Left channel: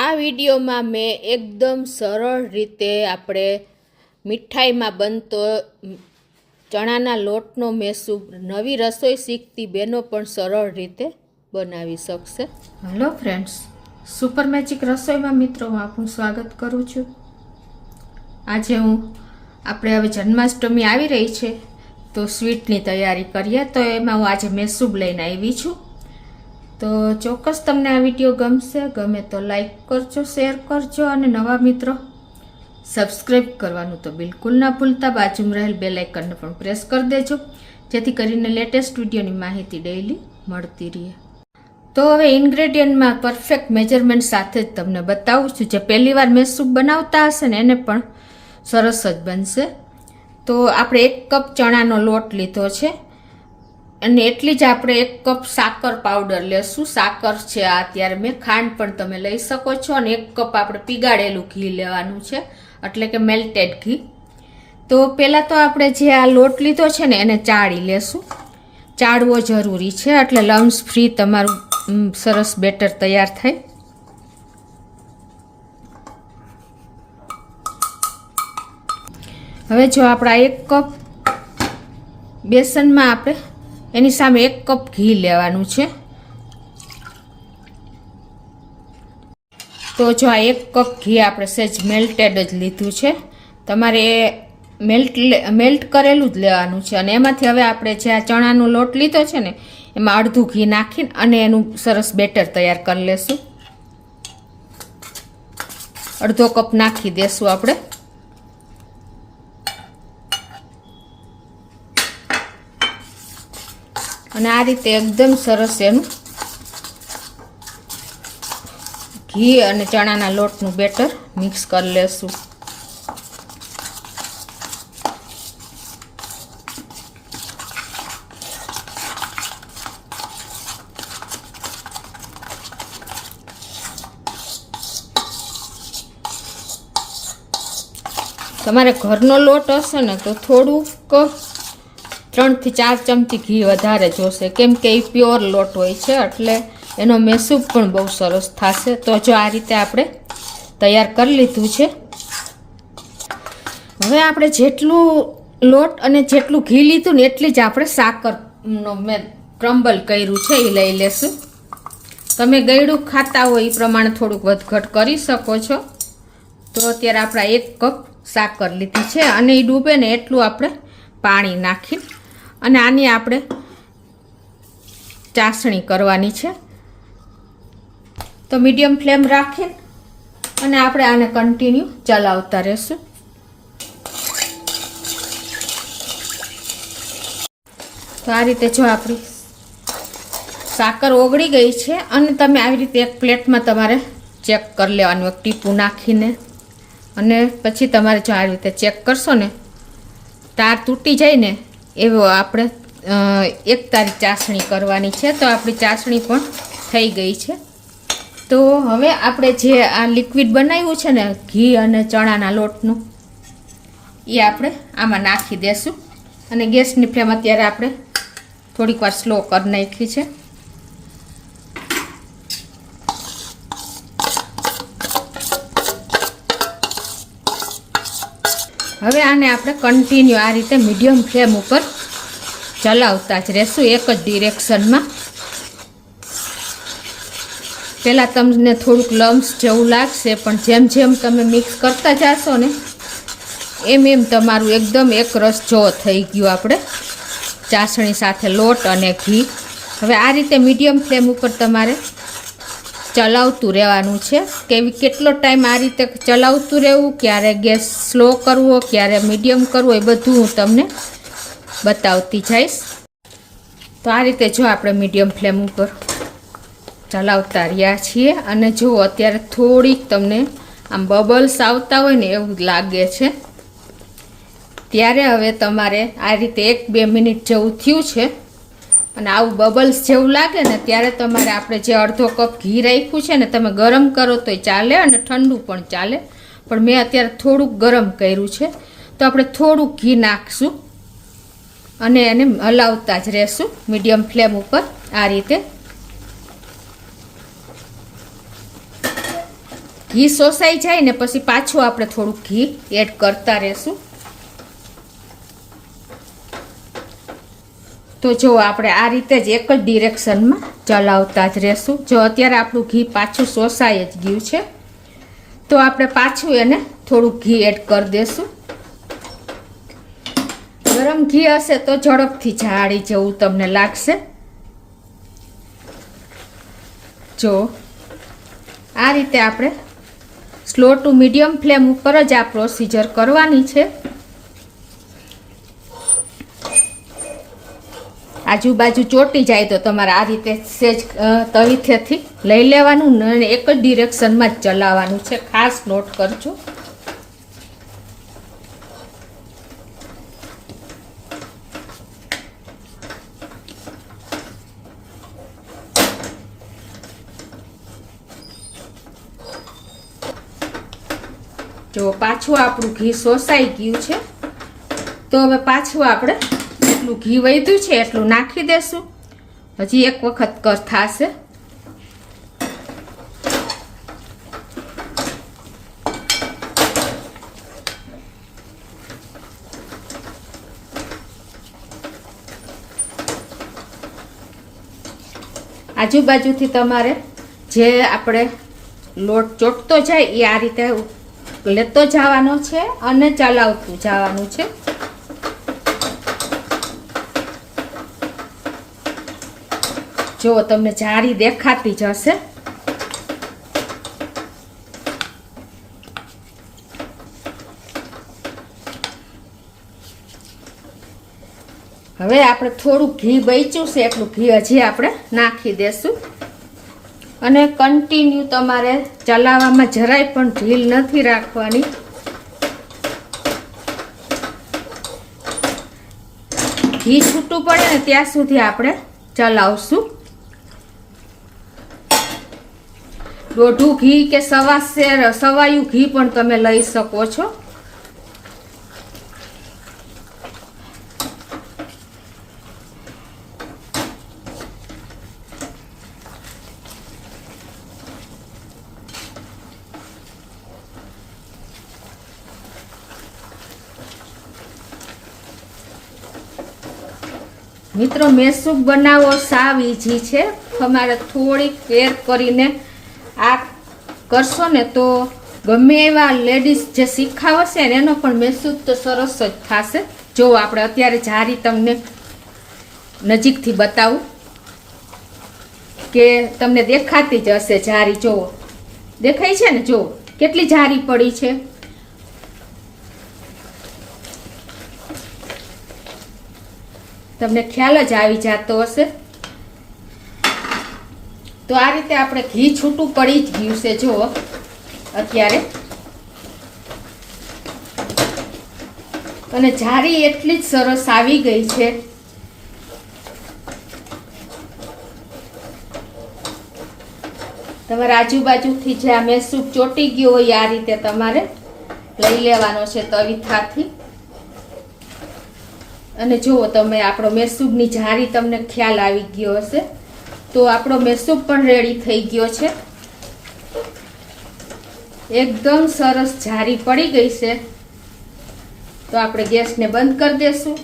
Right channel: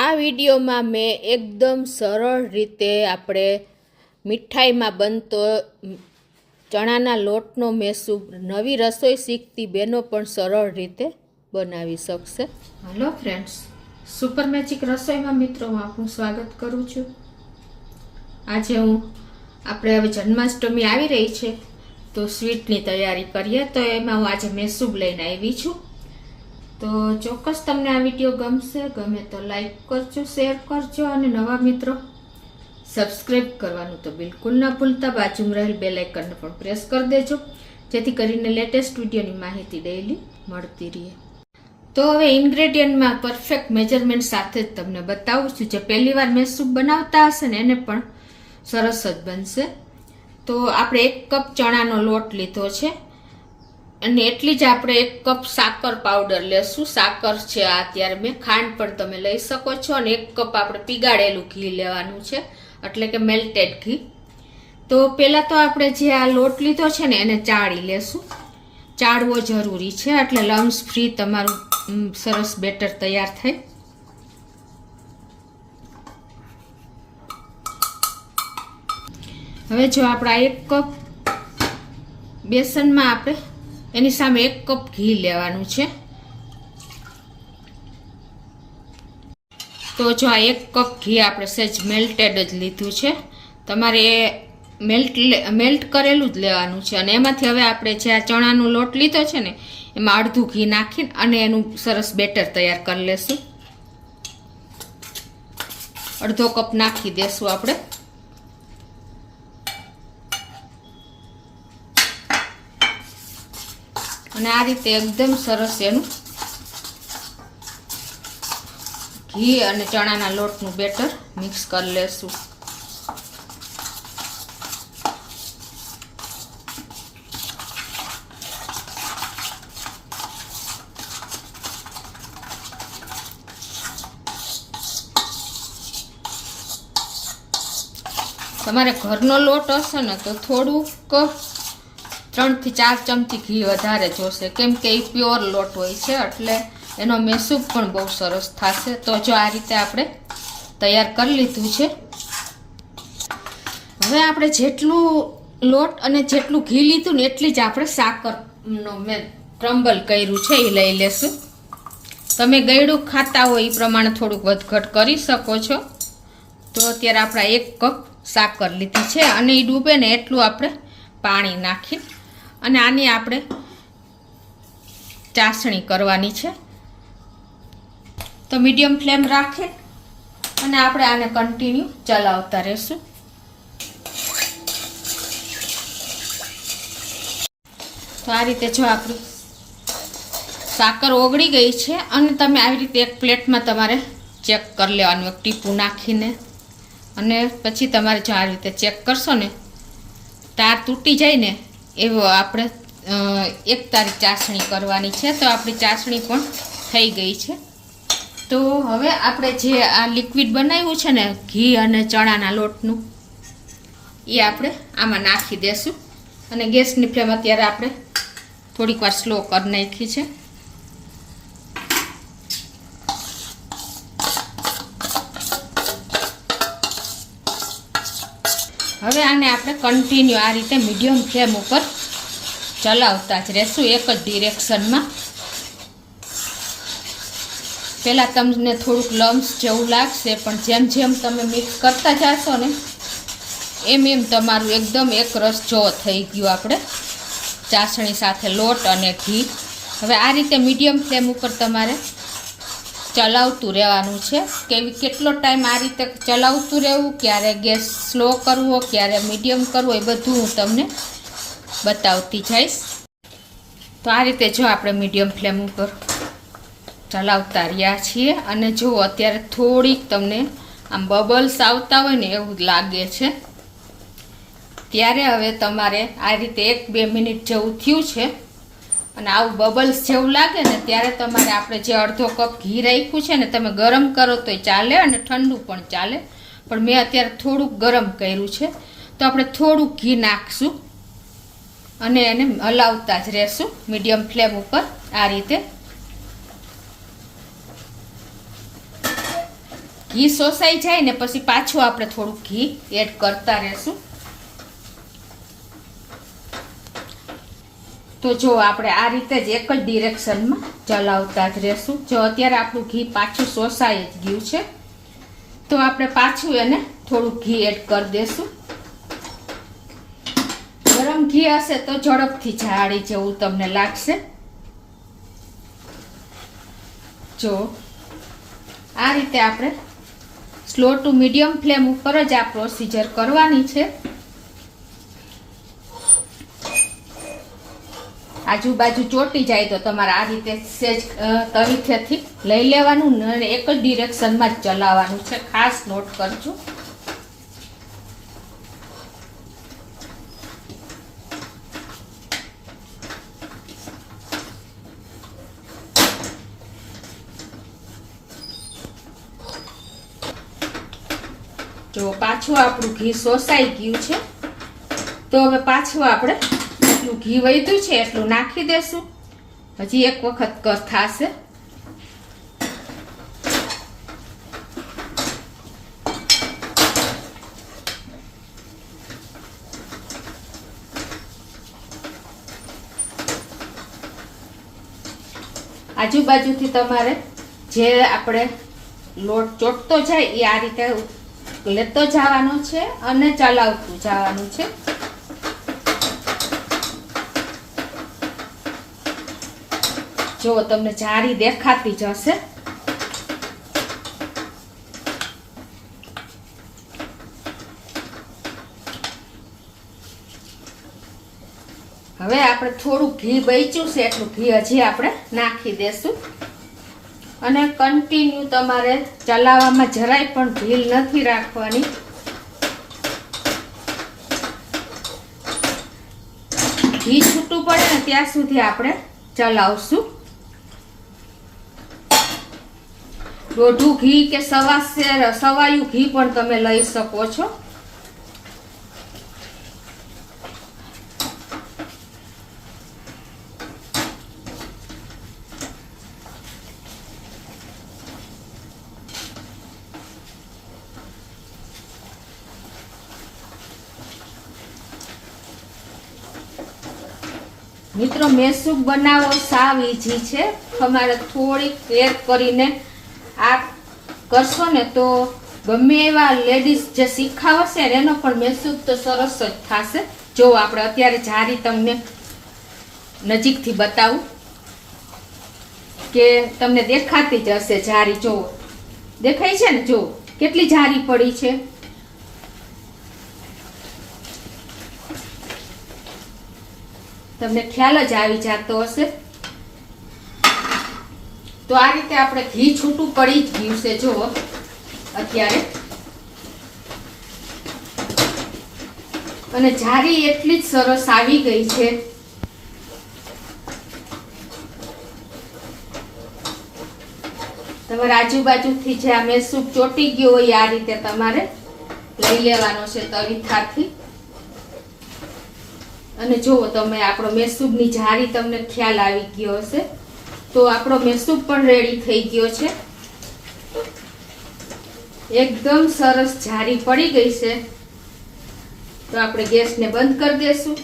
આ વિડીયોમાં મેં એકદમ સરળ રીતે આપણે મીઠાઈમાં બનતો ચણાના લોટનો મેસૂબ નવી રસોઈ શીખતી બહેનો પણ સરળ રીતે બનાવી શકશે. હેલો ફ્રેન્ડ્સ, સુપર મેજિક રસોઈમાં મિત્રો આપનું સ્વાગત કરું છું. આજે આપણે હવે જન્માષ્ટમી આવી રહી છે તો સ્વીટની તૈયારી કરીએ. તો એમાં હું આજે મેસૂબ લઈને આવી છું. તો ચોક્કસ તમને આ વિડીયો ગમશે. ગમે તો લાઈક કરજો, શેર કરજો અને નવા મિત્રો સબસ્ક્રાઈબ કરવાનું તો બિલકુલ ના ભૂલતા. બાજુમાં રહેલ બેલ આઇકનને પણ પ્રેસ કરી દેજો જેથી કરીને લેટેસ્ટ વિડીયોની માહિતી ડેઈલી મળતી રહે. તો હવે ઇન્ગ્રેડિયન્ટમાં પરફેક્ટ મેજરમેન્ટ સાથે જ તમને બતાવું છું. જે પહેલી વાર મેસૂબ બનાવતા હશે ને એને પણ સરસ જ બનશે. તો આપણે 1 કપ ચણાનો લોટ લીધો છે અને એટલી જ આપણે 1 કપ સાકર પાવડર લેશું. સાકર છે આ, અત્યારે મેં ખાંડ પણ તમે લઈ શકો છો. અને 1 કપ આપણે પીગાળેલું ઘી લેવાનું છે, એટલે કે મેલ્ટેડ ઘી. તો પહેલાં તો આપણે જે આ લોટ લીધો છે ને એને ચાળી લેશું. ચાળવો જરૂરી છે એટલે લમ્સ ફ્રી તમારું સરસ બેટર તૈયાર થાય. હવે જો આપણા 1 કપ બેસનમાં આપણે એની સામે 1 કપ ઘી લેવાનું છે. તો જો આ 1 કપ ઘી આપણે સહેજ મેલ્ટેડ જ લીધું છે. તમારે એ મેલ્ટ કરેલું જ લેવાનું છે. અને એમાંથી હવે આપણે જે આ ચણાનો લોટ લીધો છે ને એમાં અડધું ઘી નાખીને અને એનું સરસ બેટર તૈયાર કરી લેશું. અડધો કપ નાખી દેશું આપણે. અને આ રીતે એકદમ સરસ એનું ઘી અને ચણાના લોટનું બેટર મિક્સ કરી લેશું. તમારે ઘરનો લોટ હશે ને તો થોડુંક 3 થી 4 ચમચી ઘી વધારે જોશે, કેમ કે એ પ્યોર લોટ હોય છે એટલે એનો મેસૂબ પણ બહુ સરસ થશે. તો જો આ રીતે આપણે તૈયાર કરી લીધું છે. હવે આપણે જેટલું લોટ અને જેટલું ઘી લીધું ને એટલી જ આપણે સાકરનો મેં ક્રમ્બલ કર્યું છે એ લઈ લેશું. તમે ગળ્યું ખાતા હોય એ પ્રમાણે થોડુંક વધઘટ કરી શકો છો. તો અત્યારે આપણે 1 કપ સાકર લીધી છે અને એ ડૂબે ને એટલું આપણે પાણી નાખી અને આની આપણે ચાસણી કરવાની છે. તો મીડિયમ ફ્લેમ રાખી અને આપણે આને કન્ટિન્યુ ચલાવતા રહેશું. તો આ રીતે જો આપણી સાકર ઓગળી ગઈ છે અને તમે આવી રીતે એક પ્લેટમાં તમારે ચેક કરી લેવાનું એક ટીપું નાખીને. અને પછી તમારે જો આ રીતે ચેક કરશો ને તાર તૂટી જાય ને એવો આપણે એક તારી ચાસણી કરવાની છે. તો આપણી ચાસણી પણ થઈ ગઈ છે. તો હવે આપણે જે આ લિક્વિડ બનાવ્યું છે ને ઘી અને ચણાના લોટનું એ આપણે આમાં નાખી દેશું. અને ગેસની ફ્લેમ અત્યારે આપણે થોડીક વાર સ્લો કરી નાખી છે. હવે આને આપણે કન્ટિન્યુ આ રીતે મીડિયમ ફ્લેમ ઉપર ચલાવતા જ રહેશું એક જ ડિરેક્શનમાં. પહેલાં તમને થોડુંક લમ્સ જેવું લાગશે પણ જેમ જેમ તમે મિક્સ કરતા જશો ને એમ એમ તમારું એકદમ એક રસ જેવો થઈ ગયું આપણે ચાસણી સાથે લોટ અને ઘી. હવે આ રીતે મીડિયમ ફ્લેમ ઉપર તમારે ચલાવતું રહેવાનું છે. કેટલો ટાઈમ આ રીતે ચલાવતું રહેવું, ક્યારે ગેસ સ્લો કરવો, ક્યારે મીડિયમ કરવો, એ બધું હું તમને બતાવતી જઈશ. તો આ રીતે જો આપણે મીડિયમ ફ્લેમ ઉપર ચલાવતા રહ્યા છીએ. અને જો અત્યારે થોડીક તમને આમ બબલ્સ આવતા હોય ને એવું લાગે છે ત્યારે હવે તમારે આ રીતે 1-2 મિનિટ જેવું થયું છે અને આવું બબલ્સ જેવું લાગે ને ત્યારે તમારે આપણે જે અડધો કપ ઘી રાખ્યું છે ને તમે ગરમ કરો તોય ચાલે અને ઠંડુ પણ ચાલે, પણ મેં અત્યારે થોડુંક ગરમ કર્યું છે. તો આપણે થોડુંક ઘી નાખશું અને એને હલાવતા જ રહેશું મીડિયમ ફ્લેમ ઉપર આ રીતે. ઘી શોષાઈ જાય ને પછી પાછું આપણે થોડુંક ઘી એડ કરતા રહેશું. તો જો આપણે આ રીતે જ એક જ ડિરેક્શનમાં ચલાવતા જ રહેશું. જો અત્યારે આપણું ઘી પાછું શોષાઈ જ ગયું છે તો આપણે પાછું એને થોડુંક ઘી એડ કરી દેશું. ગરમ ઘી હશે તો ઝડપથી જાળી જેવું તમને લાગશે. જો આ રીતે આપણે સ્લો ટુ મીડિયમ ફ્લેમ ઉપર જ આ પ્રોસીજર કરવાની છે. આજુબાજુ ચોટી જાય તો તમારે આ રીતે સેજ તવીથેથી લઈ લેવાનું અને એક જ ડિરેક્શનમાં જ ચલાવવાનું છે. ખાસ નોટ કરજો. જો પાછું આપણું ઘી શોષાઈ ગયું છે તો હવે પાછું આપણે એટલું ઘી વધ્યું છે એટલું નાખી દેશું. હજી એક વખત થશે. આજુબાજુથી તમારે જે આપણે લોટ ચોટતો જાય એ આ રીતે લેતો જવાનો છે અને ચલાવતું જવાનું છે. જો તમને જાળી દેખાતી જ હશે. હવે આપણે થોડું ઘી બચ્યું છે એટલું ઘી હજી આપણે નાખી દેશું અને કન્ટિન્યુ તમારે ચલાવવામાં જરાય પણ ઢીલ નથી રાખવાની. ઘી છૂટું પડે ને ત્યાં સુધી આપણે ચલાવશું. દોઢું ઘી કે સવાયું ઘી પણ તમે લઈ શકો છો. મિત્રો મેસૂબ બનાવવો સાવ ઈઝી છે. તમારે થોડીક કેર કરીને આ કરશો ને તો ગમે એવા લેડીઝ જે શીખાવશે ને એનો પણ મેસૂબ તો સરસ જ થશે. જો આપણે અત્યારે જારી તમને નજીકથી બતાવું કે તમને દેખાતી જ હશે જારી. જો દેખાય છે ને, જો કેટલી જારી પડી છે. તમને ખ્યાલ જ આવી જતો હશે. તો આ રીતે આપણે ઘી છૂટું પડી જ ગયું છે. જો અત્યારે અને જારી એટલી જ સરસ આવી ગઈ છે. તમારા આજુબાજુથી જે આ મેસૂબ ચોટી ગયો હોય આ રીતે તમારે લઈ લેવાનો છે તવીથાથી. અને જુઓ તમે આપણો મેસૂબની જારી તમને ખ્યાલ આવી ગયો હશે. તો આપણો મેસૂબ પણ રેડી થઈ ગયો છે. એકદમ સરસ જારી પડી ગઈ છે. તો આપણે ગેસને બંધ કરી દેશું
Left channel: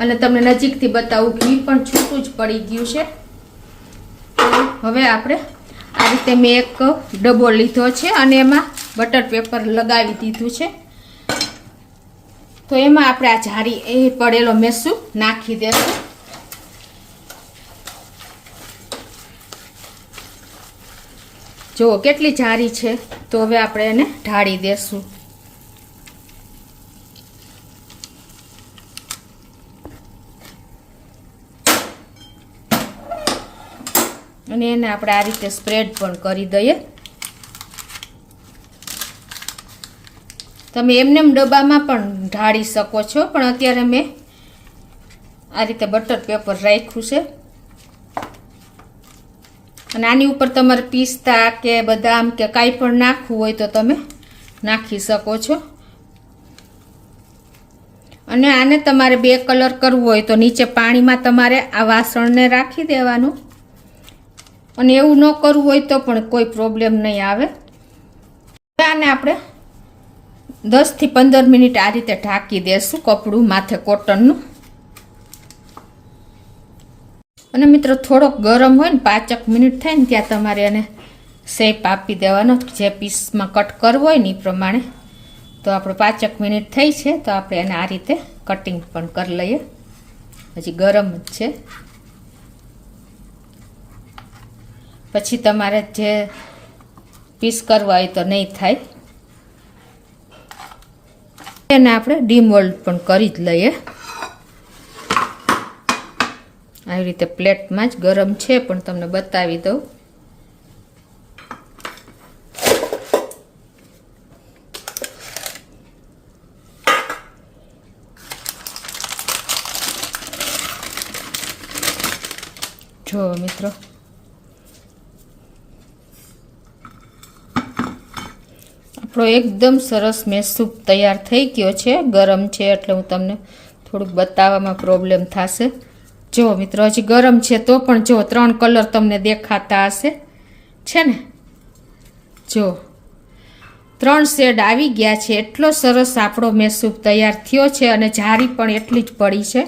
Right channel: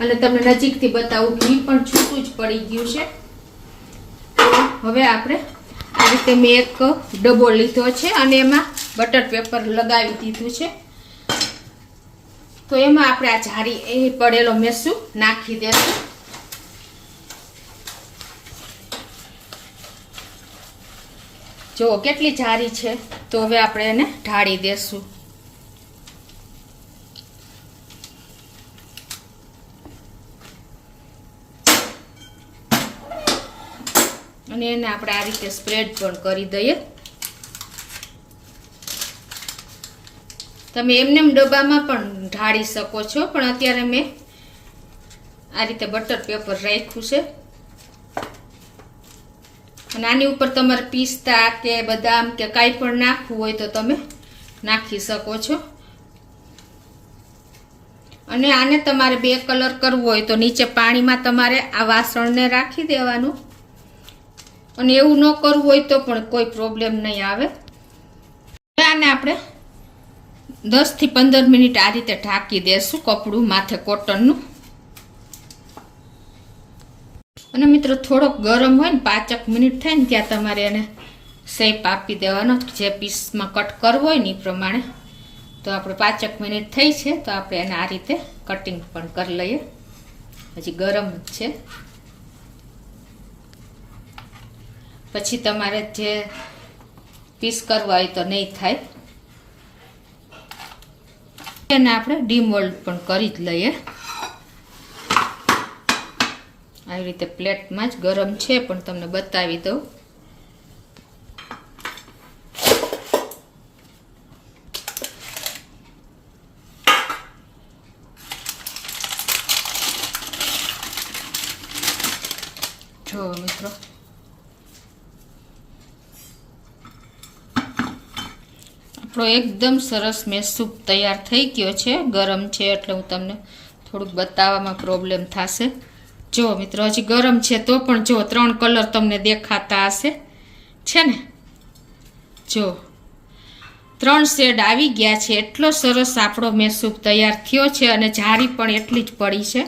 અને તમને નજીકથી બતાવું ઘી પણ છૂટું જ પડી ગયું છે. હવે આપણે આ રીતે મેં એક ડબ્બો લીધો છે અને એમાં બટર પેપર લગાવી દીધું છે. તો એમાં આપણે આ જારી એ પડેલો મેસૂબ નાખી દેશું. જો કેટલી જારી છે. તો હવે આપણે એને ઢાળી દેશું. અને એને આપણે આ રીતે સ્પ્રેડ પણ કરી દઈએ. તમે એમનેમ ડબ્બામાં પણ ઢાળી શકો છો, પણ અત્યારે મેં આ રીતે બટર પેપર રાખ્યું છે. અને આની ઉપર તમારે પિસ્તા કે બદામ કે કાંઈ પણ નાખવું હોય તો તમે નાખી શકો છો. અને આને તમારે 2 કલર કરવો હોય તો નીચે પાણીમાં તમારે આ વાસણને રાખી દેવાનું. અને એવું ન કરવું હોય તો પણ કોઈ પ્રોબ્લેમ નહીં આવે. આને આપણે 10 થી 15 મિનિટ આ રીતે ઢાંકી દેશું, કપડું માથે કોટનનું. અને મિત્રો થોડોક ગરમ હોય ને 5 મિનિટ થાય ને ત્યાં તમારે એને શેપ આપી દેવાનો, જે પીસમાં કટ કરવો હોય ને એ પ્રમાણે. તો આપણે 5 મિનિટ થઈ છે તો આપણે એને આ રીતે કટિંગ પણ કરી લઈએ. હજી ગરમ જ છે. પછી તમારે જે પીસ કરવા હોય તો નહીં થાય. એને આપણે ડીમોલ્ડ પણ કરી જ લઈએ. આવી રીતે પ્લેટમાં જ ગરમ છે પણ તમને બતાવી દઉં. જો મિત્રો આપણો એકદમ સરસ મેસૂબ તૈયાર થઈ ગયો છે. ગરમ છે એટલે હું તમને થોડુંક બતાવવામાં પ્રોબ્લેમ થશે. જો મિત્રો હજી ગરમ છે તો પણ જો 3 કલર તમને દેખાતા હશે છે ને. જો 3 શેડ આવી ગયા છે. એટલો સરસ આપણો મેસૂબ તૈયાર થયો છે અને જારી પણ એટલી જ પડી છે.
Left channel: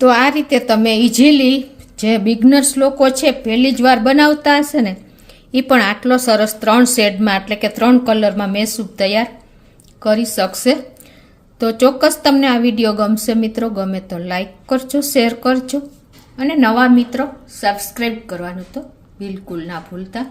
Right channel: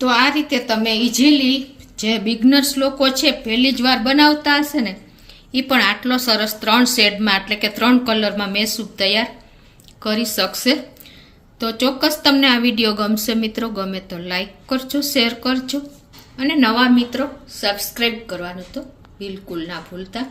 તો આ રીતે તમે ઇઝીલી જે બિગનર્સ લોકો છે પહેલી જ વાર બનાવતા હશે ને એ પણ આટલો સરસ 3 શેડમાં એટલે કે 3 કલરમાં મેસૂબ તૈયાર કરી શકશે. તો ચોક્કસ તમને આ વિડીયો ગમશે મિત્રો. ગમે તો લાઈક કરજો, શેર કરજો અને નવા મિત્રો સબસ્ક્રાઈબ કરવાનું તો બિલકુલ ના ભૂલતા.